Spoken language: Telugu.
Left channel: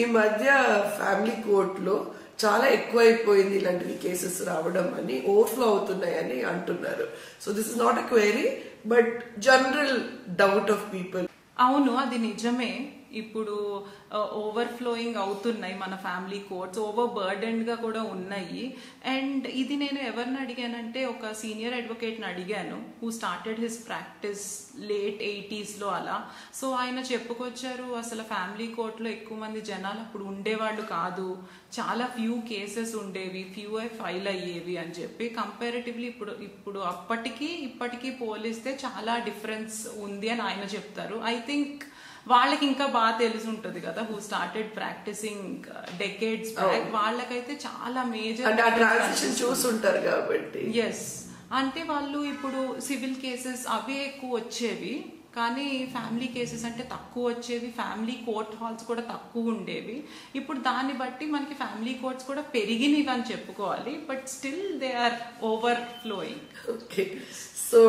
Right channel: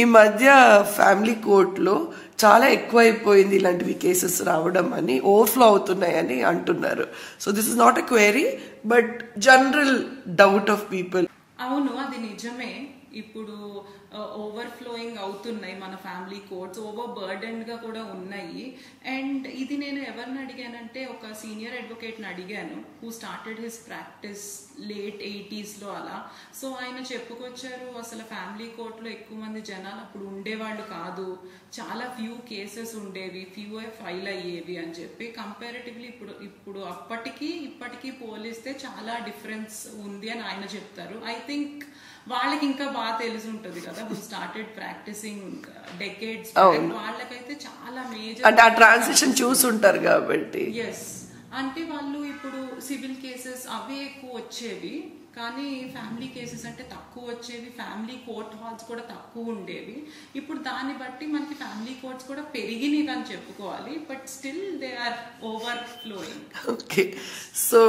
ఈ మధ్య ఫ్యామిలీ కోర్టులో చాలా ఎక్కువైపోయింది ఇలాంటివి కేసెస్ రావడం అని, ఓవర్ఫ్లో అవుతున్నాయని అంటున్నారు. So this is not a query but general doubt of people. అవును, అది నిజమే. ఇప్పుడు ఓవర్ఫ్లోయింగ్ అవుతున్నాయి మన ఫ్యామిలీ కోర్ట్స్, ఓవర్ బర్డెన్డ్ గా కూడా ఉన్నాయి. అండ్ ఇది నేను ఎవరిని అడిగానంటే ఒక సీనియర్ అడ్వకేట్ ని అడిగాను, who started his practice late 80s లో అలా. సో ఆయన చెప్పుకొచ్చారు, అసలు ఫ్యామిలీ కోర్ట్ లో ఎక్కువ మంది జనాలు అప్పుడు ఉండేవాళ్ళు కాదు, చాలా ఫ్యూ కేసెస్ ఉండేవి, ఫ్యూ ఫైల్ అయ్యేవి అని చెప్పి. కంపారిటివ్లీ ఇప్పుడు ఇప్పటికీ పోలిస్తే చాలా డిఫరెన్స్ ఉంది అని ఆయన చెప్తారు. ఐ థింక్ వాళ్ళకి ఇంకా బాగా తెలిసి ఉంటది కదా, హూ స్టార్టెడ్ ప్రాక్టీసింగ్ డెకేడ్స్, వాళ్ళకైతే చాలా మేజర్ అంటే ఆ ట్రాన్సిషన్ చూసుంటారు కాబట్టి. ఎస్, అంటే వాళ్ళు ఇప్పుడు సివిల్ కేసెస్ అవే ఎక్కువ వచ్చేవి, కానీ ఫ్యామిలీ కేసెస్ అంటే తక్కువ వచ్చేవి, ఫ్యామిలీ కోర్ట్ హాల్స్ కూడా తక్కువ ఉండేవి. ఇప్పుడు దాన్ని బట్టి మనకి ఫ్యామిలీ కోర్ట్స్ కూడా పెరిగినవి అని చెప్పుకోవాలి, but still they are overflowing. Okay, so